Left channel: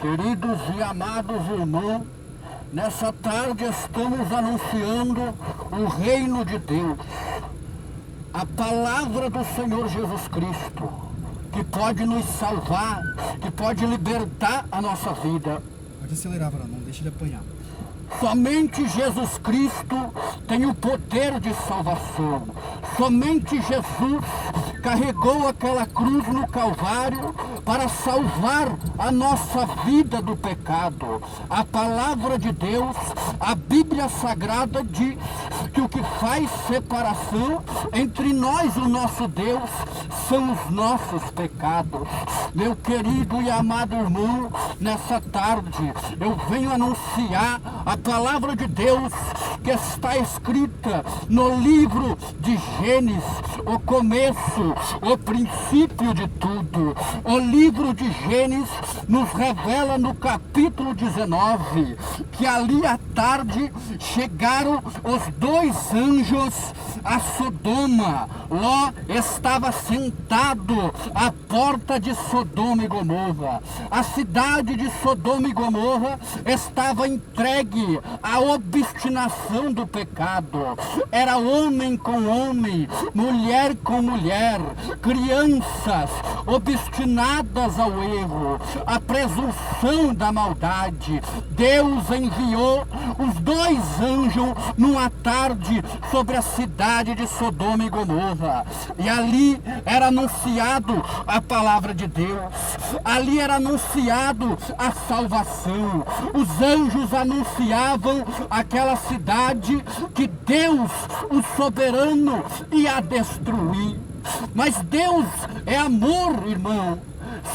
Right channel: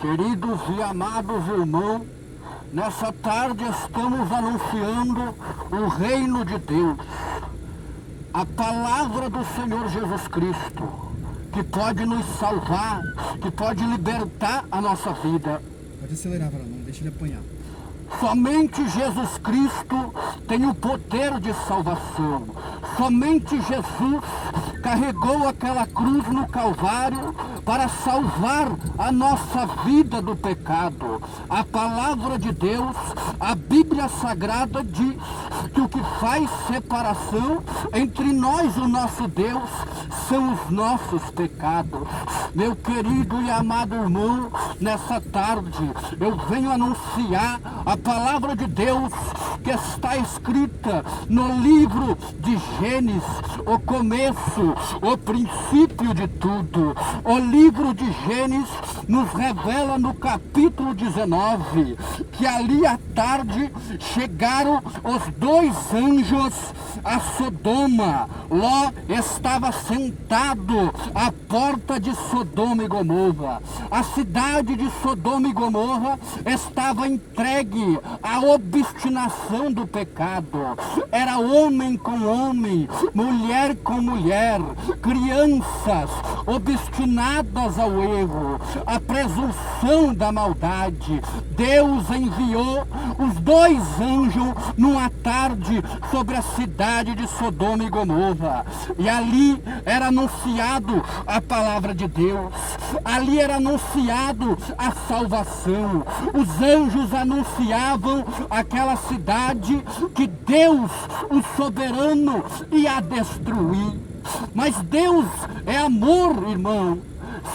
Queridos e amados irmãos, nessa tarde estamos anunciando o reino de Deus, a palavra do Senhor Jesus Cristo, que pode nos salvar, que pode libertar a nossa vida. Pode acelerar, Varão, não deixa ele apanhar. Somente Jesus Cristo tem o poder de salvação. Somente Jesus carregou aquela cruz no Calvário para salvar a nossa vida do pecado. A palavra de Deus, a Bíblia Sagrada diz que o que faz separação entre nós e o nosso Deus são os nossos pecados. Meu querido e amado irmão, nessa tarde eu venho anunciar a palavra de Deus que está escrita no livro de Gênesis, o começo, o princípio de tudo. O livro de Gênesis nos revela no capítulo 19 que ali à tarde chegaram os dois anjos a Sodoma. Ló estava sentado à porta de Sodoma e Gomorra. A cidade de Sodoma e Gomorra estava entregue à obstinação do pecado. Era homem com homem, mulher com mulher, crianças obstinadas ao erro, à presunção da maldade. Deus enviou os dois anjos numa tarde sobre a cidade de Sodoma e Gomorra, e ali era anunciado a palavra de Deus, ali era anunciado a salvação. Os anjos anunciavam aquela cidade que Deus, o soberano, ia destruir. Mas Deus é amor, irmão.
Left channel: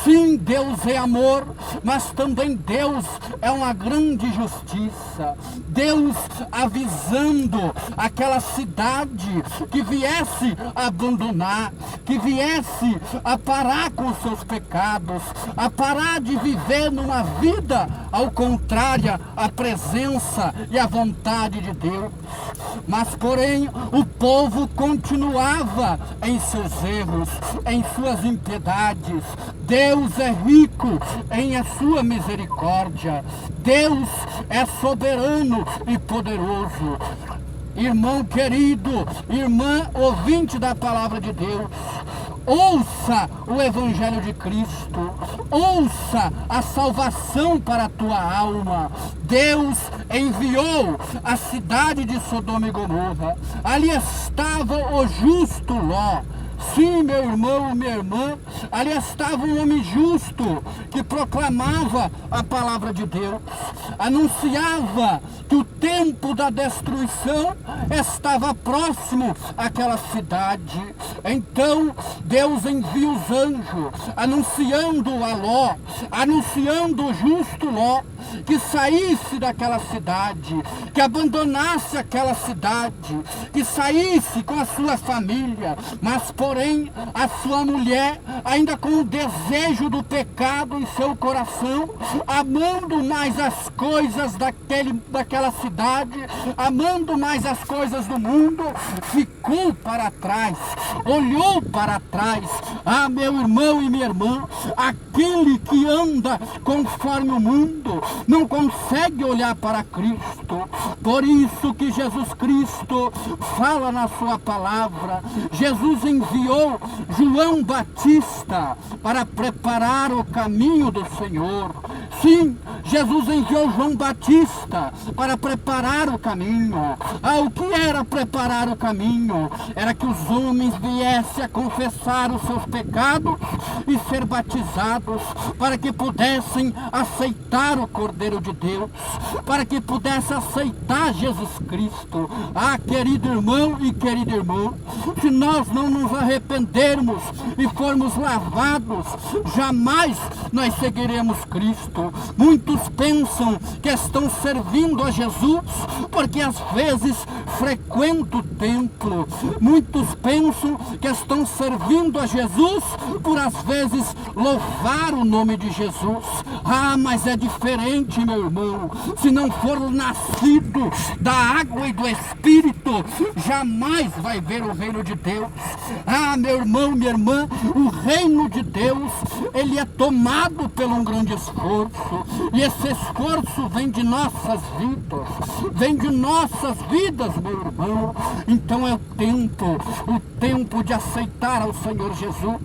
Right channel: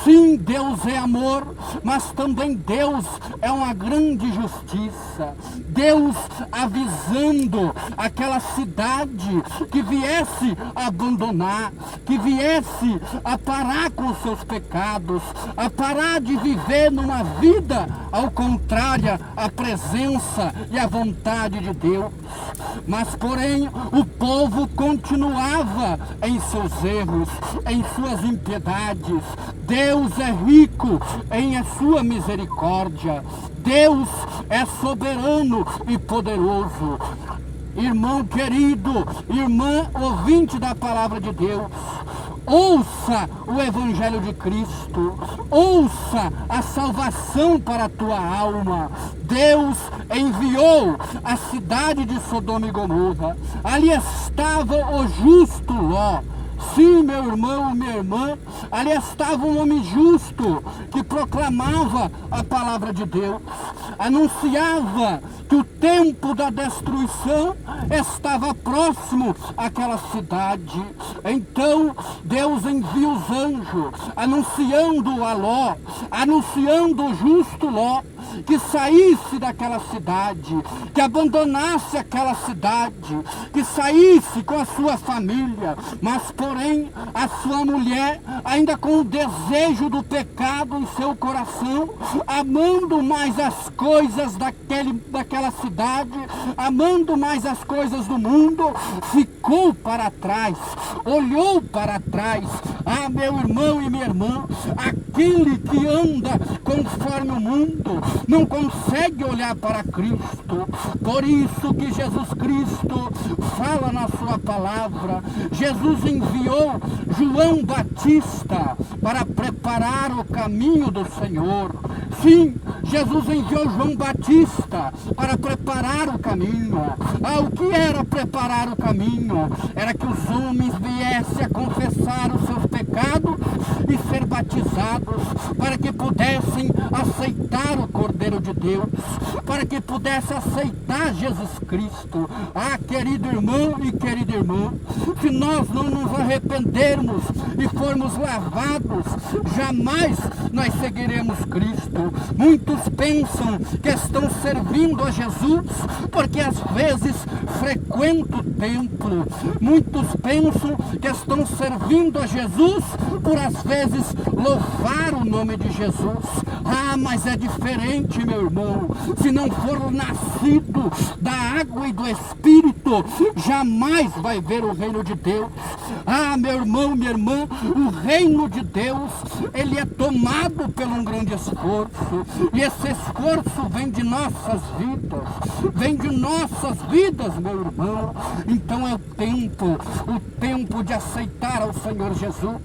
Sim, Deus é amor, mas também Deus é uma grande justiça. Deus avisando aquela cidade que viesse a abandonar, que viesse a parar com seus pecados, a parar de viver numa vida ao contrário à presença e à vontade de Deus. Mas porém o povo continuava em seus erros, em suas impiedades. Deus é rico em a sua misericórdia. Deus é soberano e poderoso. Irmão querido, irmã ouvinte da palavra de Deus, ouça o Evangelho de Cristo, ouça a salvação para a tua alma. Deus enviou a cidade de Sodoma e Gomorra. Ali estava o justo Ló. Sim, meu irmão e minha irmã, ali estava um homem justo que proclamava a palavra de Deus, anunciava que o tempo da destruição estava próximo àquela cidade. Então Deus envia os anjos, anunciando a Ló, anunciando o justo Ló, que saísse daquela cidade, que abandonasse aquela cidade, que saísse com a sua família, mas porém a sua mulher, ainda com o desejo do pecado em seu coração, amando mais as coisas daquela cidade, amando mais as coisas do mundo, ficou para trás, olhou para trás. Ah, meu irmão e minha irmã, aquele que anda conforme o mundo não consegue olhar para Cristo. Por isso que Jesus Cristo fala na sua palavra. Jesus enviou João Batista para preparar o caminho do Senhor. Sim, Jesus enviou João Batista para preparar o caminho. Ah, o que era preparar o caminho? Era que os homens viessem a confessar os seus pecados e ser batizados, para que pudessem aceitar o Cordeiro de Deus, para que pudessem aceitar Jesus Cristo. Ah, querido irmão e querida irmã, se nós não nos arrependermos e formos lavados, jamais nós seguiremos Cristo. Muitos Muitos pensam que estão servindo a Jesus porque às vezes frequentam o templo. Muitos pensam que estão servindo a Jesus por às vezes louvar o nome de Jesus. Ah, mas é diferente, meu irmão. Se não for nascido da água e do Espírito, jamais vai ver o reino de Deus. Ah, meu irmão, minha irmã, o reino de Deus, ele é tomado por um grande esforço. E esse esforço vem de nossas vidas. Vem de nossas vidas, meu irmão. Então é o tempo de aceitar ao Senhor Jesus.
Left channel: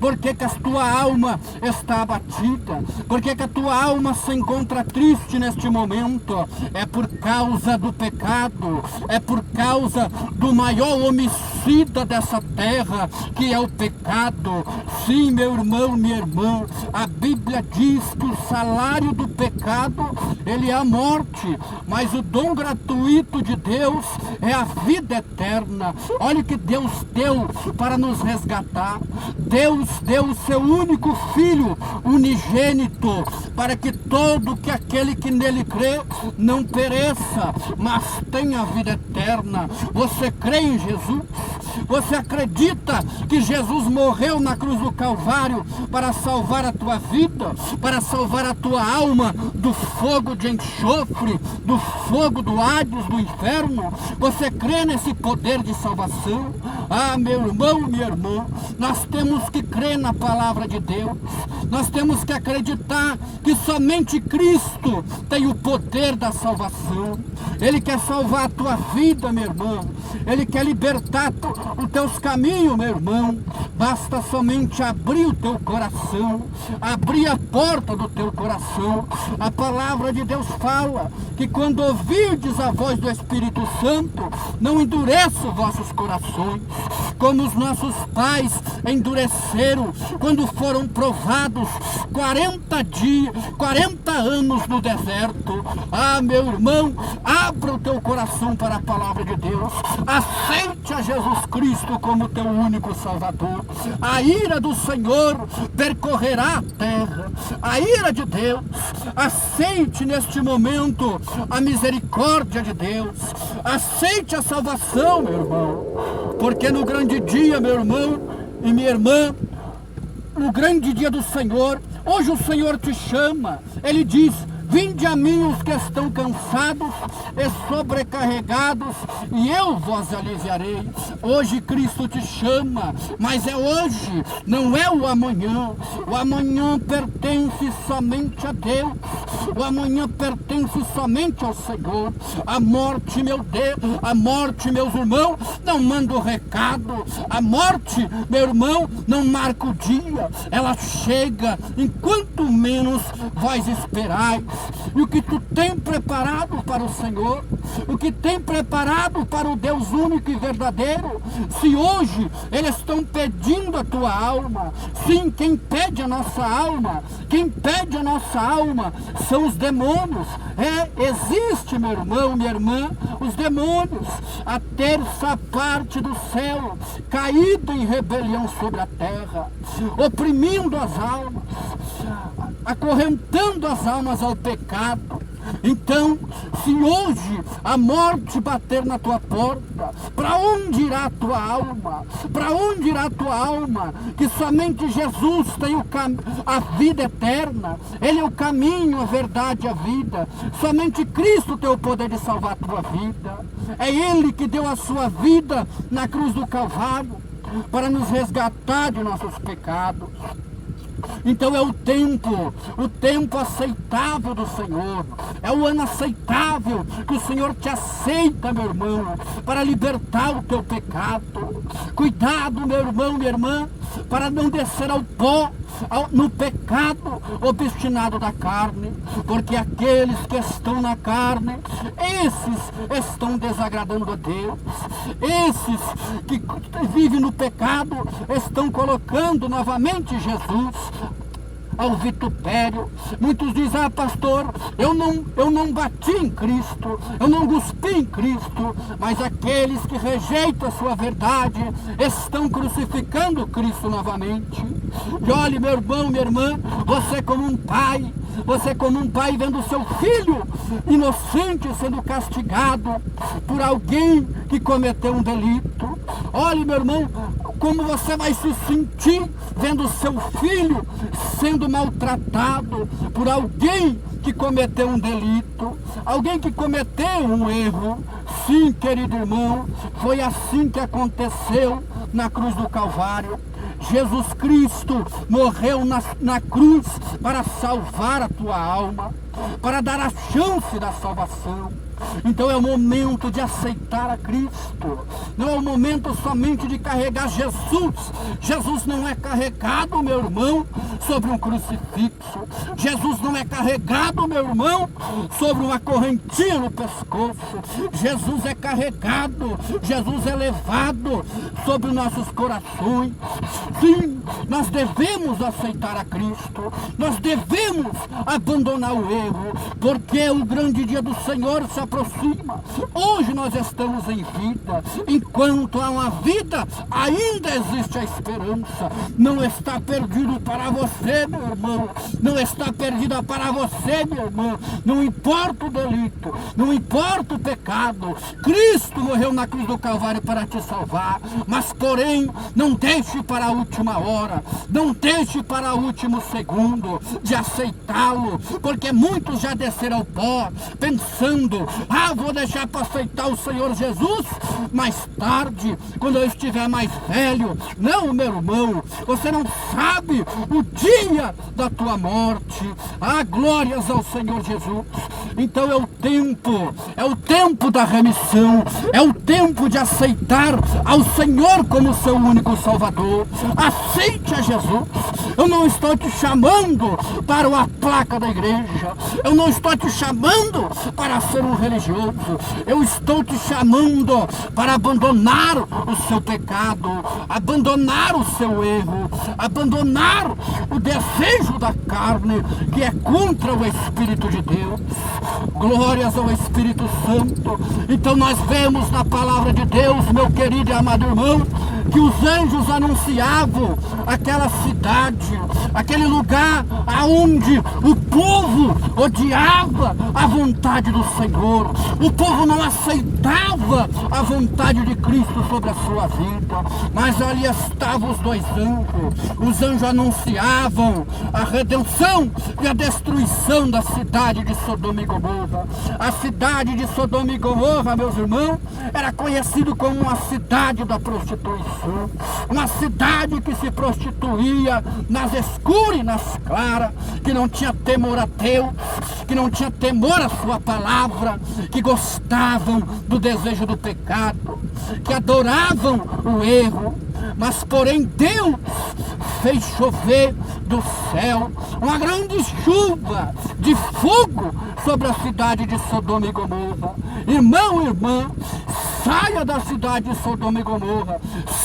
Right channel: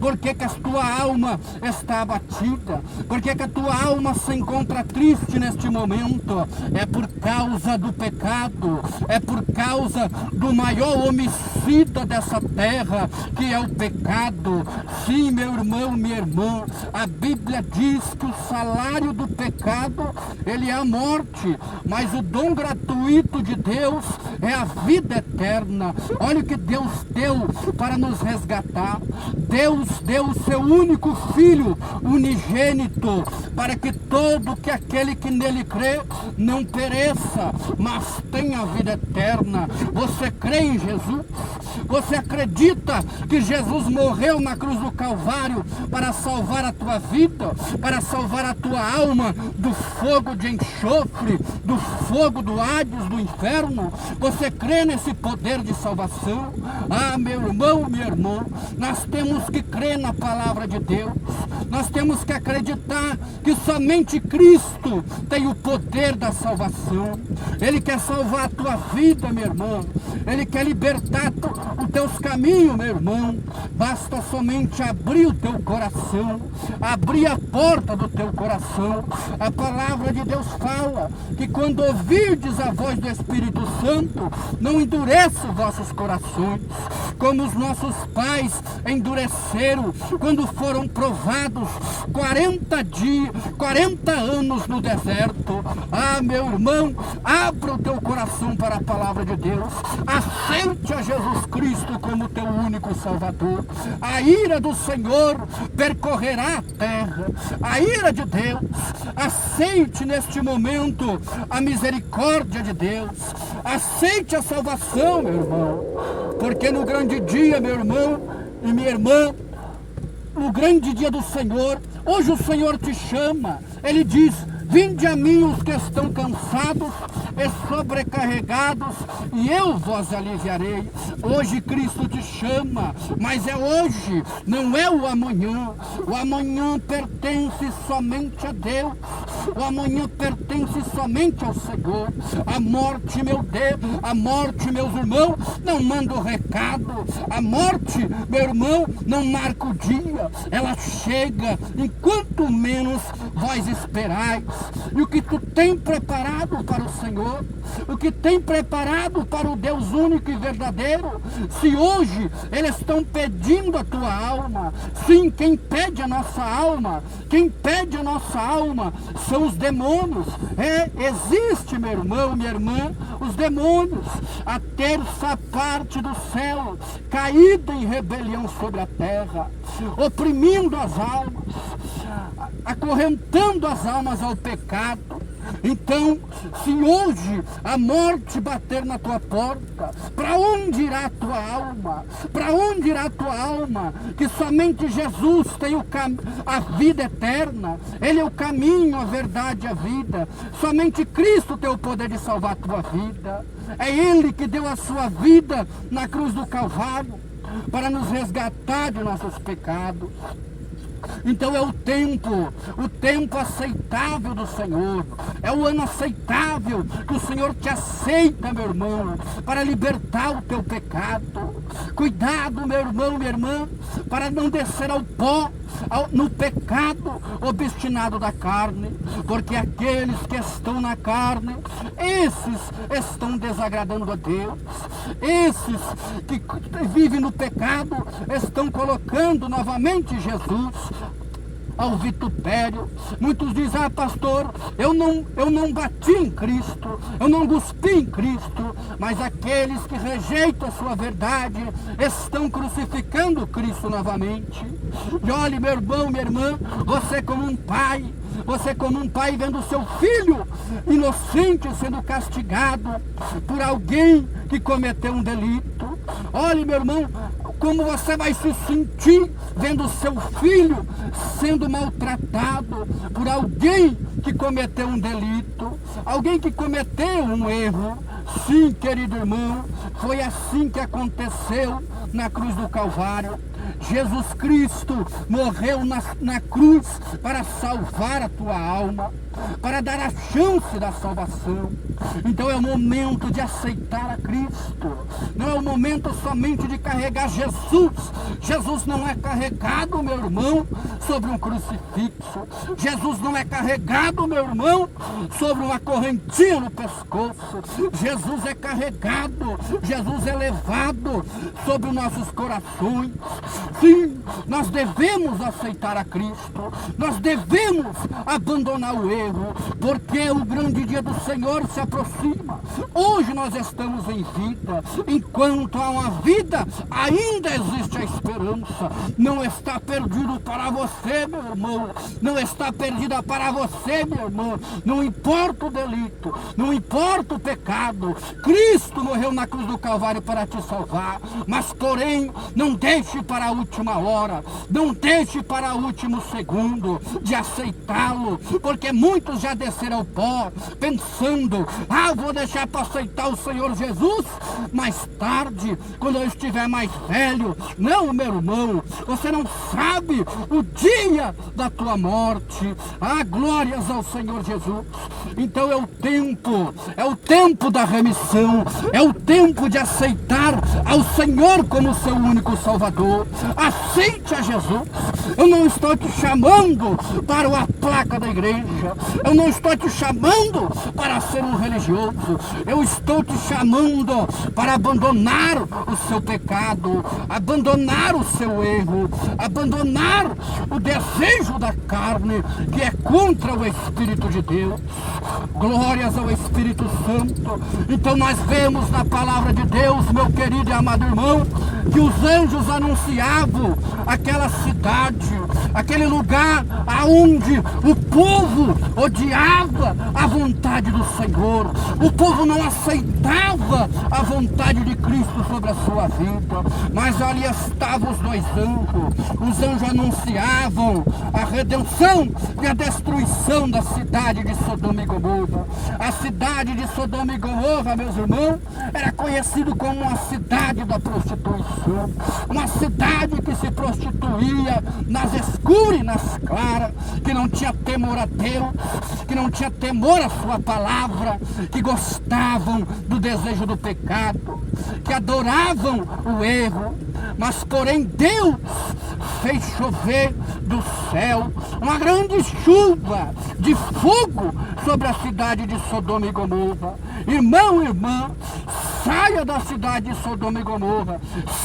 Por que que a tua alma está abatida? Por que que a tua alma se encontra triste neste momento? É por causa do pecado. É por causa do maior homicida dessa terra, que é o pecado. Sim, meu irmão, minha irmã, a Bíblia diz que o salário do pecado, ele é a morte, mas o dom gratuito de Deus é a vida eterna. Olha o que Deus deu para nos resgatar. Deus deu o seu único Filho unigênito, para que aquele que nele crê não pereça, mas tenha a vida eterna. Você crê em Jesus? Você acredita que Jesus morreu na cruz do Calvário para salvar a tua vida, para salvar a tua alma do fogo de enxofre, do fogo do Hades, do inferno? Você crê nesse poder de salvação? Ah, meu irmão, minha irmã, nós temos que crer na palavra de Deus. Nós temos que acreditar que somente Cristo tem o poder da salvação. Ele quer salvar a tua vida, meu irmão. Ele quer libertar os teus caminhos, meu irmão. Basta somente abrir o teu coração, abrir a porta do teu coração. A palavra de Deus fala que quando ouvirdes a voz do Espírito Santo, não endureça os vossos corações, como os nossos pais endureceram quando foram provados 40 anos no deserto. Ah, meu irmão, abra o teu coração para a palavra de Deus. Aceite a Jesus Cristo como teu único Salvador. A ira do Senhor percorrerá a terra. A ira de Deus. Aceite neste momento a misericórdia de Deus. Aceite a salvação, meu irmão. Porque no grande dia, meu irmão e minha irmã, no grande dia do Senhor, hoje o Senhor te chama. Ele diz: vinde a mim os que estão cansados e sobrecarregados, e eu vos aliviarei. Hoje Cristo te chama, mas é hoje, não é o amanhã. O amanhã pertence somente a Deus. O amanhã pertence somente ao Senhor. A morte, meu Deus, a morte, meus irmãos, não manda o recado. A morte, meu irmão, não marca o dia. Ela chega enquanto menos vós esperais. E o que tu tem preparado para o Senhor, o que tem preparado para o Deus único e verdadeiro, se hoje eles estão pedindo a tua alma, sim, quem pede a nossa alma, são os demônios. Existe, meu irmão, minha irmã, os demônios, a terça parte do céu, caído em rebelião sobre a terra, oprimindo as almas, acorrentando as almas ao pecado. Então, se hoje a morte bater na tua porta, para onde irá a tua alma? Para onde irá a tua alma? Que somente Jesus tem a vida eterna. Ele é o caminho, a verdade e a vida. Somente Cristo tem o poder de salvar a tua vida. É Ele que deu a sua vida na cruz do Calvário para nos resgatar de nossos pecados. Então é o tempo aceitável do Senhor. É o ano aceitável que o Senhor te aceita, meu irmão, para libertar o teu pecado. Cuidado, meu irmão, minha irmã, para não descer ao pó, no pecado obstinado da carne, porque aqueles que estão na carne, esses estão desagradando a Deus. Esses que vivem no pecado estão colocando novamente Jesus ao vitupério. Muitos dizem, pastor, eu não bati em Cristo, eu não cuspi em Cristo, mas aqueles que rejeitam a sua verdade estão crucificando Cristo novamente. E olhe, meu irmão, minha irmã, você como um pai vendo seu filho inocente sendo castigado por alguém que cometeu um delito. Olhe, meu irmão, como você vai se sentir vendo seu filho sendo maltratado por alguém que cometeu um delito, alguém que cometeu um erro. Sim, querido irmão, foi assim que aconteceu na cruz do Calvário. Jesus Cristo morreu na cruz para salvar a tua alma, para dar a chance da salvação. Então é o momento de aceitar a Cristo, não é o momento somente de carregar Jesus. Jesus não é carregado, meu irmão, sobre um crucifixo. Jesus não é carregado, meu irmão, sobre uma correntinha no pescoço. Jesus é carregado, Jesus é levado sobre nossos corações. Sim, nós devemos aceitar a Cristo, nós devemos abandonar o erro, porque o grande dia do Senhor se aproxima. Hoje nós estamos em vida, enquanto há uma vida, ainda existe a esperança. Não está perdido para você, meu irmão, não está perdida para você, minha irmã. Não importa o delito, não importa o pecado, Cristo morreu na cruz do Calvário para te salvar. Mas porém, não deixe para a última hora, não deixe para o último segundo de aceitá-lo, porque muitos já desceram ao pó, pensando, vou deixar para aceitar o Senhor Jesus mais tarde, quando eu estiver mais velho. Não, meu irmão, você não sabe o dia da tua morte. Glórias ao Senhor Jesus. Então é o tempo da remissão, é o tempo de aceitar ao Senhor como seu único Salvador. Aceite a Jesus. Eu não estou te chamando para a placa da igreja, eu não estou te chamando para ser um religioso, eu estou te chamando para abandonar o seu pecado, abandonar o seu erro, abandonar o desejo da carne, que é contra o Espírito de Deus. Glórias ao Espírito Santo. Então nós vemos na palavra de Deus, meu querido e amado irmão, que os anjos anunciavam aquela cidade, aquele lugar aonde o povo odiava a vontade do Senhor. O povo não aceitava a vontade de Cristo sobre a sua vida. Mas ali estavam os dois anjos. Os anjos anunciavam a redenção e a destruição da cidade de Sodoma e Gomorra. A cidade de Sodoma e Gomorra, meus irmãos, era conhecido como uma cidade da prostituição, uma cidade que se prostituía nas escuras e nas claras, que não tinha temor a Deus, que não tinha temor à sua palavra, que gostavam do desejo do pecado, que adoravam o erro. Mas porém Deus fez chover do céu uma grande chuva de fogo sobre a cidade de Sodoma e Gomorra. Irmão e irmã, saia da cidade de Sodoma e Gomorra,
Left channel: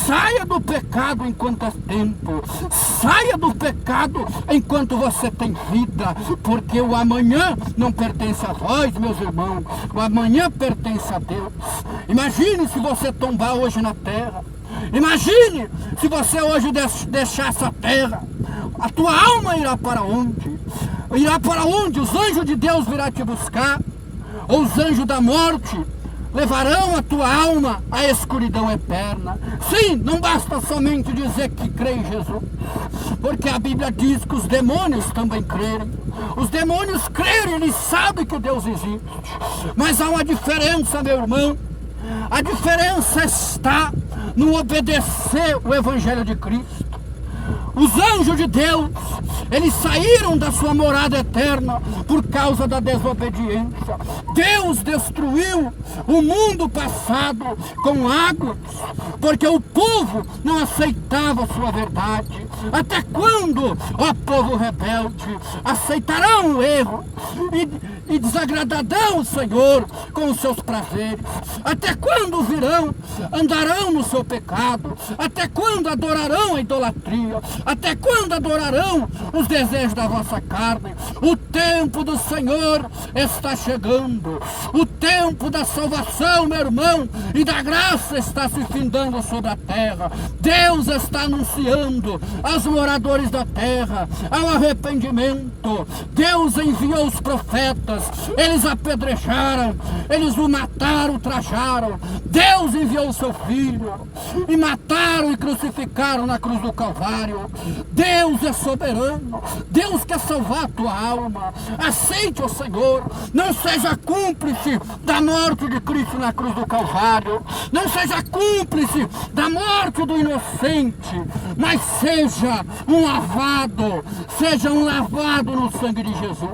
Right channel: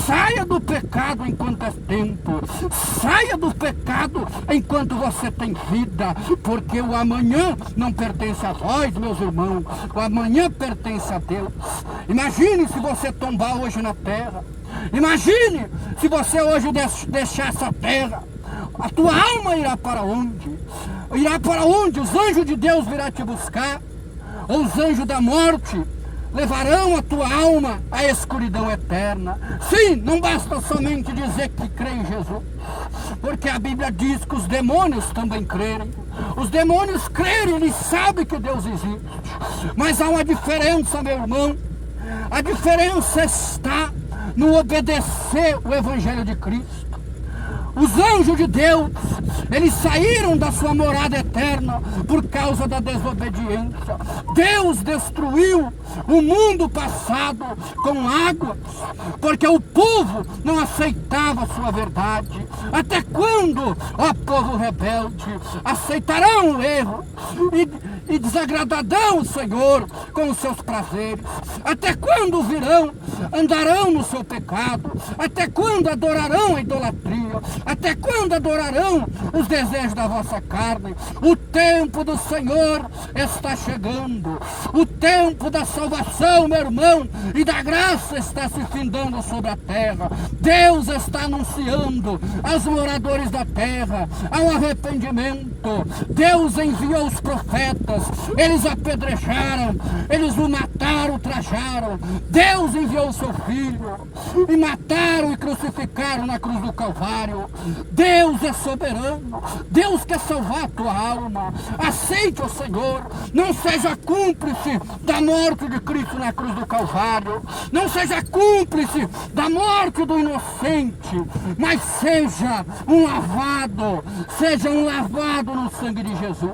saia do pecado enquanto é tempo, saia do pecado enquanto você tem vida, porque o amanhã não pertence a vós, meus irmãos, o amanhã pertence a Deus. Imagine se você tombar hoje na terra, imagine se você hoje deixar essa terra, a tua alma irá para onde? Irá para onde? Os anjos de Deus virão te buscar, ou os anjos da morte levarão a tua alma à escuridão eterna. Sim, não basta somente dizer que crê em Jesus, porque a Bíblia diz que os demônios também creem. Os demônios creem, eles sabem que Deus existe. Mas há uma diferença, meu irmão. A diferença está no obedecer o Evangelho de Cristo. Os anjos de Deus, eles saíram da sua morada eterna por causa da desobediência. Deus destruiu o mundo passado com águas, porque o povo não aceitava a sua verdade. Até quando, ó povo rebelde, aceitarão o erro e desagradarão o Senhor com os seus prazeres? Até quando andarão no seu pecado? Até quando adorarão a idolatria? Até quando adorarão os desejos da vossa carne? O tempo do Senhor está chegando. O tempo da salvação, meu irmão, e da graça está se findando sobre a terra. Deus está anunciando aos moradores da terra ao arrependimento. Deus enviou os profetas, eles apedrejaram, eles o mataram, ultrajaram. Deus enviou o seu filho e mataram e crucificaram na cruz do Calvário. Deus é soberano, Deus quer salvar a tua alma. Aceite o Senhor, não seja cúmplice da morte de Cristo na cruz do Calvário, não seja cúmplice da morte do inocente, mas seja um lavado no sangue de Jesus.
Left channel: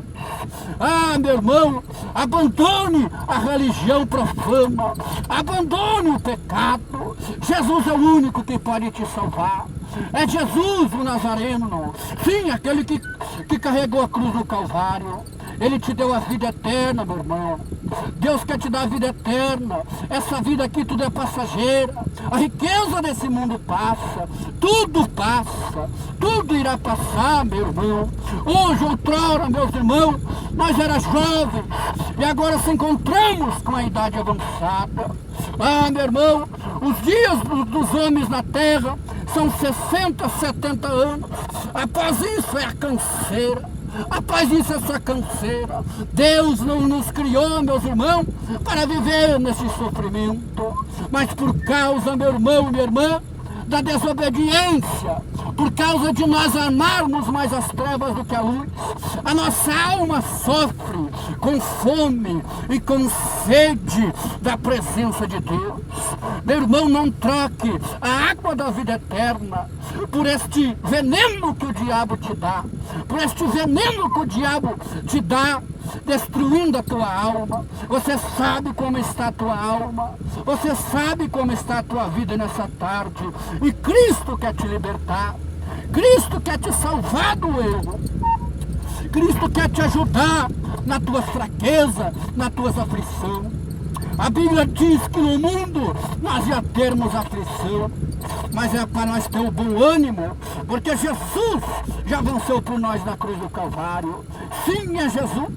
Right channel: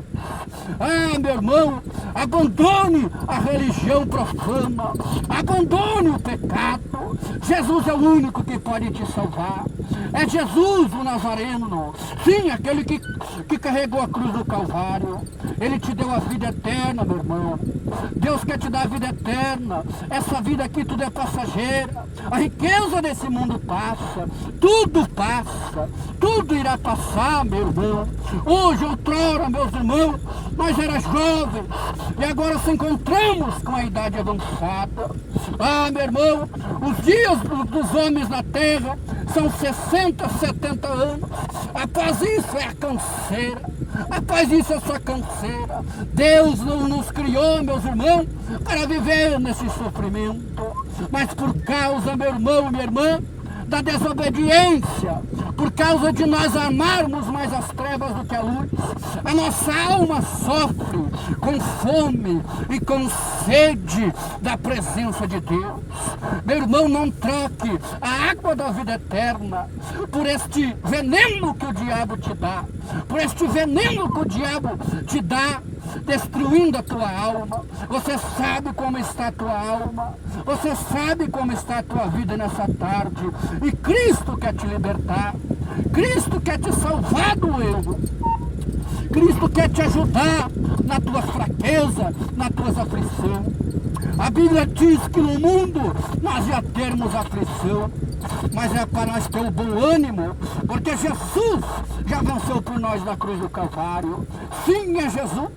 Ah, meu irmão, abandone a religião profana, abandone o pecado. Jesus é o único que pode te salvar. É Jesus o Nazareno, sim, aquele que carregou a cruz do Calvário. Ele te deu a vida eterna, meu irmão. Deus quer te dar a vida eterna. Essa vida aqui tudo é passageira. A riqueza desse mundo passa, tudo irá passar, meu irmão. Hoje, outrora, meus irmãos, nós éramos jovens e agora se encontramos com a idade avançada. Ah, meu irmão, os dias dos homens na terra são 60, 70 anos. Após isso é a canseira. Após isso é só canseira. Deus não nos criou, meus irmãos, para viver nesse sofrimento. Mas por causa, meu irmão, minha irmã, da desobediência, por causa de nós amarmos mais as trevas do que a luz, a nossa alma sofre com fome e com sede da presença de Deus. Meu irmão, não troque a água da vida eterna por este veneno que o diabo te dá, por este veneno que o diabo te dá, destruindo a tua alma. Você sabe como está a tua alma, você sabe como está a tua vida nessa tarde, e Cristo quer te libertar, Cristo quer te salvar do erro, Cristo quer te ajudar na tua fraqueza, na tua aflição. A Bíblia diz que no mundo nós já termos aflição, mas é para nós ter o bom ânimo, porque Jesus já venceu por nós na cruz do Calvário. Sim, é Jesus,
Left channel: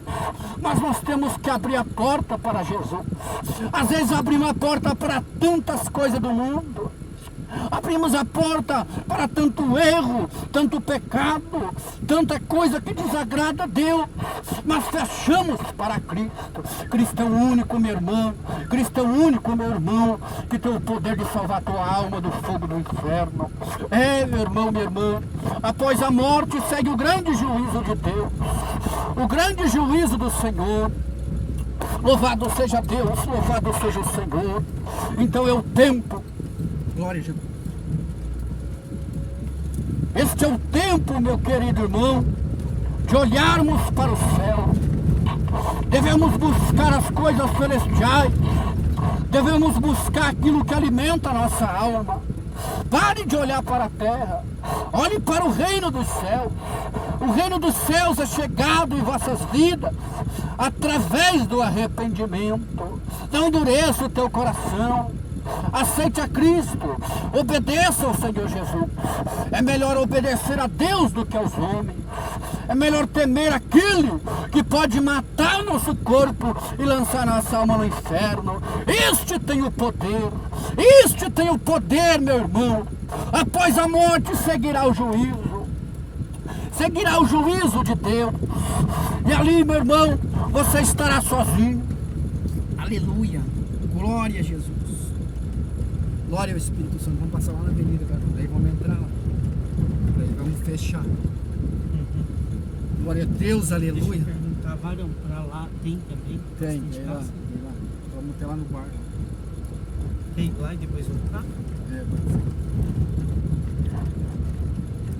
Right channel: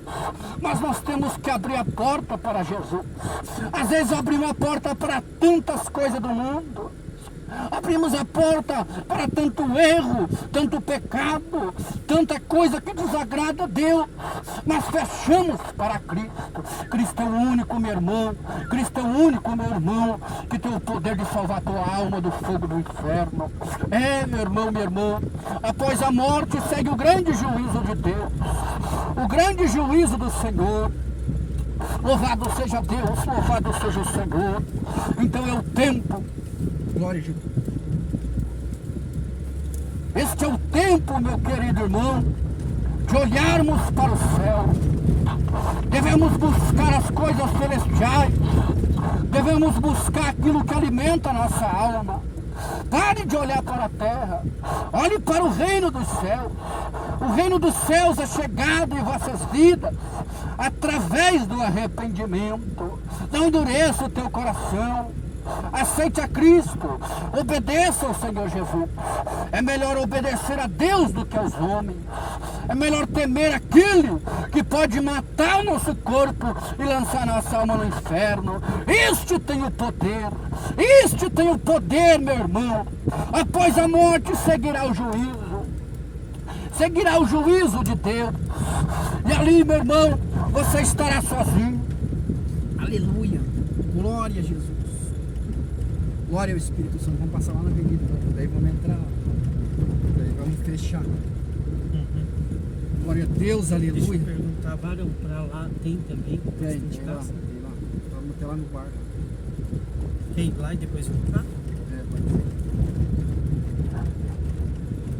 mas nós temos que abrir a porta para Jesus. Às vezes abrimos a porta para tantas coisas do mundo, abrimos a porta para tanto erro, tanto pecado, tanta coisa que desagrada a Deus, mas fechamos para Cristo. Cristo é o único, meu irmão, Cristo é o único, meu irmão, que tem o poder de salvar a tua alma do fogo do inferno. É, meu irmão, minha irmã, após a morte segue o grande juízo de Deus, o grande juízo do Senhor. Louvado seja Deus, louvado seja o Senhor. Então é o tempo, glória a Jesus. Este é o tempo, meu querido irmão, de olharmos para o céu. Devemos buscar as coisas celestiais, devemos buscar aquilo que alimenta a nossa alma. Pare de olhar para a terra, olhe para o reino dos céus. O reino dos céus é chegado em vossas vidas através do arrependimento. Não endureça o teu coração. Aceite a Cristo, obedeça ao Senhor Jesus. É melhor obedecer a Deus do que aos homens. É melhor temer aquele que pode matar nosso corpo e lançar nossa alma no inferno. Este tem o poder, meu irmão. Após a morte seguirá o juízo de Deus. E ali, meu irmão, você estará sozinho. Aleluia, glória a Jesus. Glória ao Espírito Santo. Vamos passar lá na avenida, daí vamos entrar lá. Daí vamos fechar. Glória a Deus, aleluia. Deixa eu perguntar, varão pra lá tem também? Tem lá. Vamos até lá no quarto. Tem lá e depois voltar?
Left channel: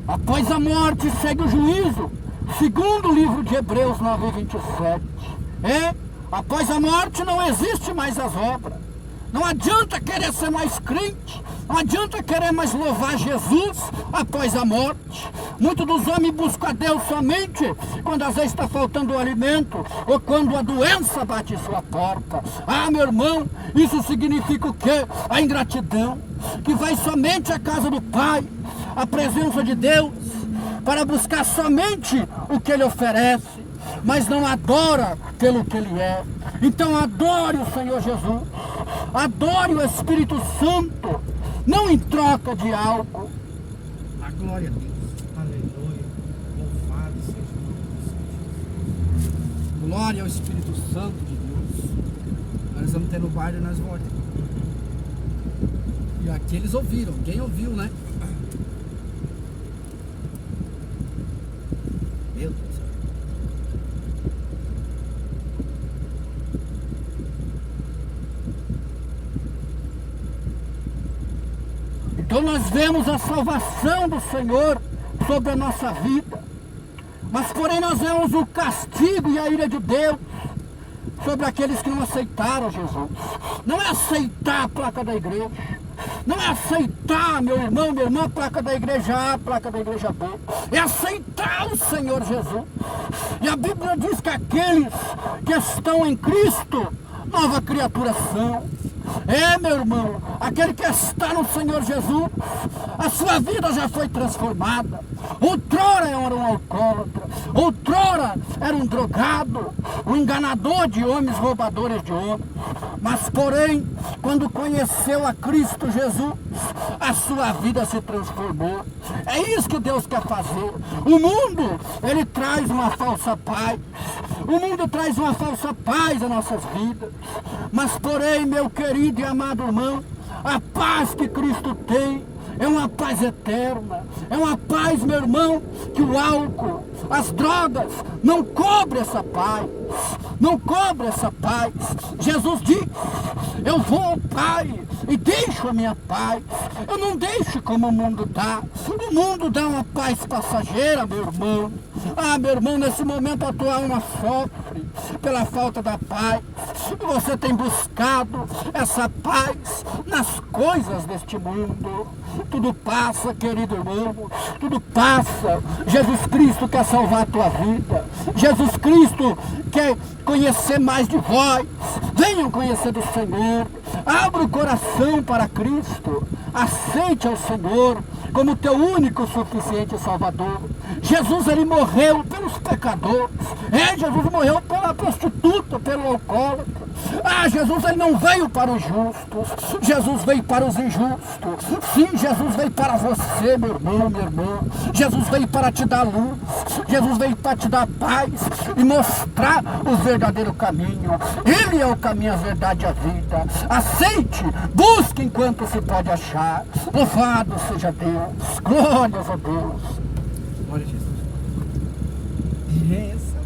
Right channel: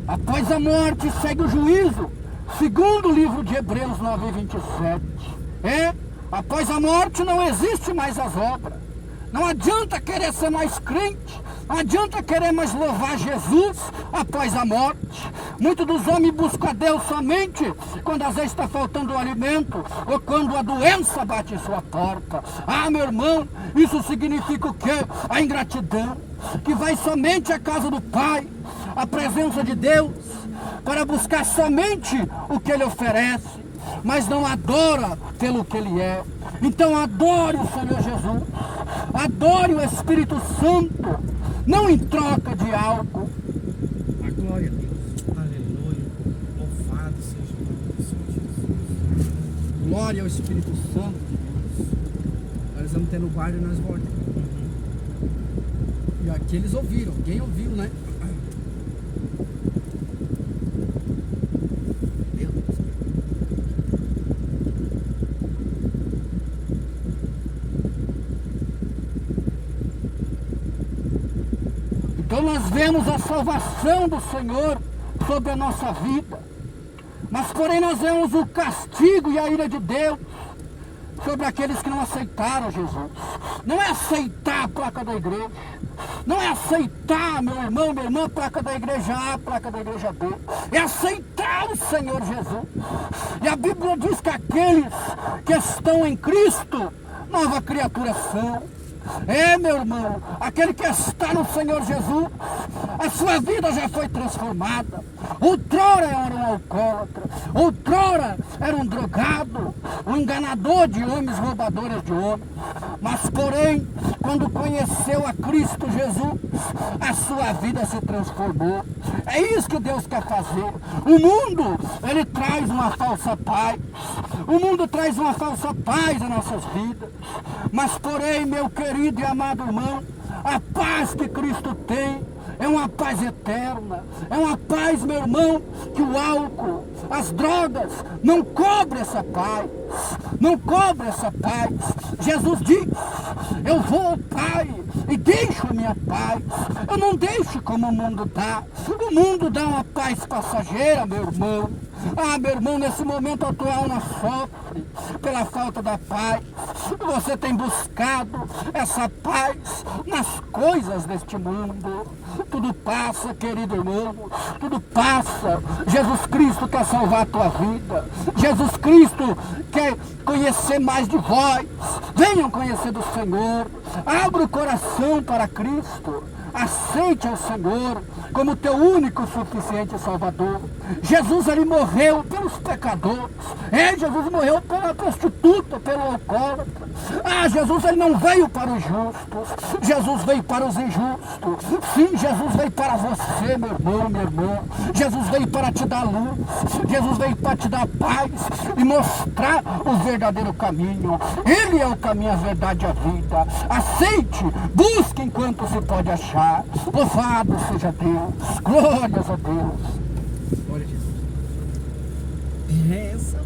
Após a morte segue o juízo, segundo o livro de Hebreus 9:27. Após a morte não existe mais as obras. Não adianta querer ser mais crente, Não adianta querer mais louvar Jesus após a morte. Muitos dos homens buscam a Deus somente quando às vezes está faltando o alimento ou quando a doença bate em sua porta. Ah, meu irmão, isso significa o quê? A ingratidão, que vai somente à casa do Pai, à presença de Deus, para buscar somente o que Ele oferece, mas não adora pelo que Ele é. Então adore o Senhor Jesus, adore o Espírito Santo, não em troca de algo. A glória a Deus. Aleluia. Louvado seja o nome do Senhor Jesus. Glória ao Espírito Santo de Deus. Nós estamos tendo guarda nas voltas. E aqui eles ouviram, alguém ouviu, né? Meu Deus. Então nós vemos a salvação do Senhor sobre a nossa vida. Mas porém nós vemos o castigo e a ira de Deus sobre aqueles que não aceitaram Jesus. Não é aceitar a placa da igreja. Não é aceitar, meu irmão, minha irmã, a placa da igreja A, a placa da igreja B. É aceitar o Senhor Jesus. E a Bíblia diz que aqueles que estão em Cristo, nova criatura são. É, meu irmão, aquele que está no Senhor Jesus, a sua vida já foi transformada. Outrora era um alcoólatra, outrora era um drogado, um enganador de homens, roubadores de homens. Mas porém, quando conheceu a Cristo Jesus, a sua vida se transformou. É isso que Deus quer fazer. O mundo, ele traz uma falsa paz. O mundo traz uma falsa paz às nossas vidas. Mas porém, meu querido e amado irmão, a paz que Cristo tem é uma paz eterna. É uma paz, meu irmão, que o álcool, as drogas não cobrem essa paz. Não cobre essa paz. Jesus diz: eu vou ao Pai e deixo a minha paz. Eu não deixo como o mundo dá. O mundo dá uma paz passageira, meu irmão. Ah, meu irmão, nesse momento a tua alma sofre pela falta da paz. Você tem buscado essa paz nas coisas deste mundo. Tudo passa, querido irmão. Tudo passa. Jesus Cristo quer salvar a tua vida. Jesus Cristo quer conhecer mais de vós. Venham conhecer do Senhor. Abra o coração para Cristo. Aceite ao Senhor como teu único suficiente Salvador. Jesus, ele morreu pelos pecadores. Jesus morreu pela prostituta, pelo alcoólatra. Jesus, ele não veio para os justos. Jesus veio para os injustos. Sim, Jesus veio para você, meu irmão, minha irmã. Jesus veio para te dar luz. Jesus veio para te dar paz e mostrar o verdadeiro caminho. Ele é o caminho, a verdade e a vida. Aceite, busque enquanto se pode achar. Louvado seja Deus. Glórias a Deus. Glória a Jesus. Essa